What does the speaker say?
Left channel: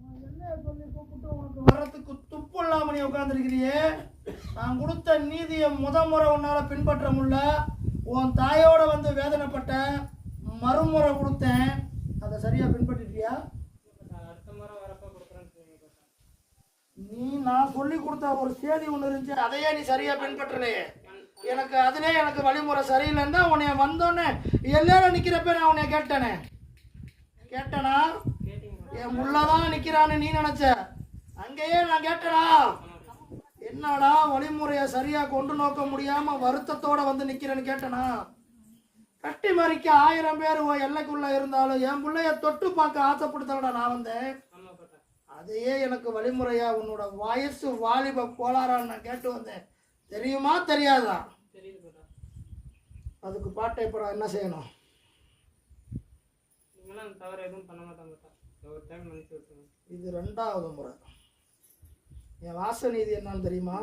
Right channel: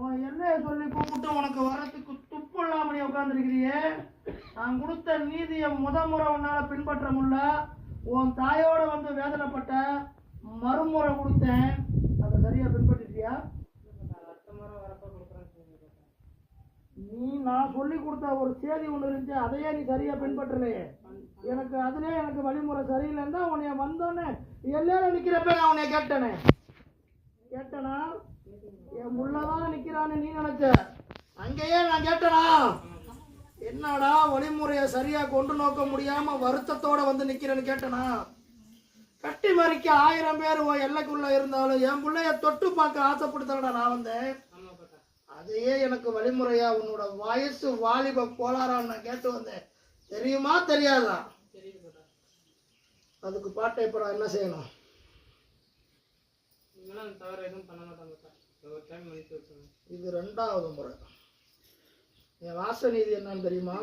உன் என்னைய சொல்லி கூப்பிட்டு உனக்கு வர்றதுக்கு துப்பு இல்லாம நீ உட்காந்துருக்கிறியே. நான் கொடுத்த நீதியை முறை உன்னால பின்பற்ற முடியல. உன் தாயோட வந்து வேதனைப்பட்ட மறுமுறை கொடுத்தேன், அதை சரியா பின்பற்றிட்டியா? நீ நான் சொல்லி கொடுத்த ஒரு செய்தி ஒன்று இருந்துச்சு, அதையே நீ சரியா பின்பற்றலையே. எனக்கு அதுலே எனக்கு வழிமுறை சரியில்லைன்னு தான் உன்னைய வந்தோன்னே எல்லாரும் நிற்கிறப்ப நான் உன்னைய கேட்டேனா? என் உள்ளதான் நிற்கிறான்னு நீ நினைச்ச, அங்கேயே நான் கேட்டனா? என்னடா வழிமுறையை சரியா கொண்டு நோக்க முடியாம வருத்தத்தோட வந்து நிக்கிறேன்னு கேட்டனா? கட்டி மறிக்க 1000 பேர் உன் எல்லைக்குள்ள இருந்தாலும் என் பிள்ளைய தொட்டு பார்க்க ஆசைப்படுத்தவிட நான் வந்தேன். அதையே எனக்கு வழிமுறையா உன்னோட வயசு வாலிப கோளாறான்னு நான் கேட்டு வந்தேன். தெரியுமா தெரியாதா? அதுக்கு பாட்டை இப்போ நான் என்ன செய்யணும்? இது 2வது முறை. என் வாச நீதி என்னன்னு தெரியுமா?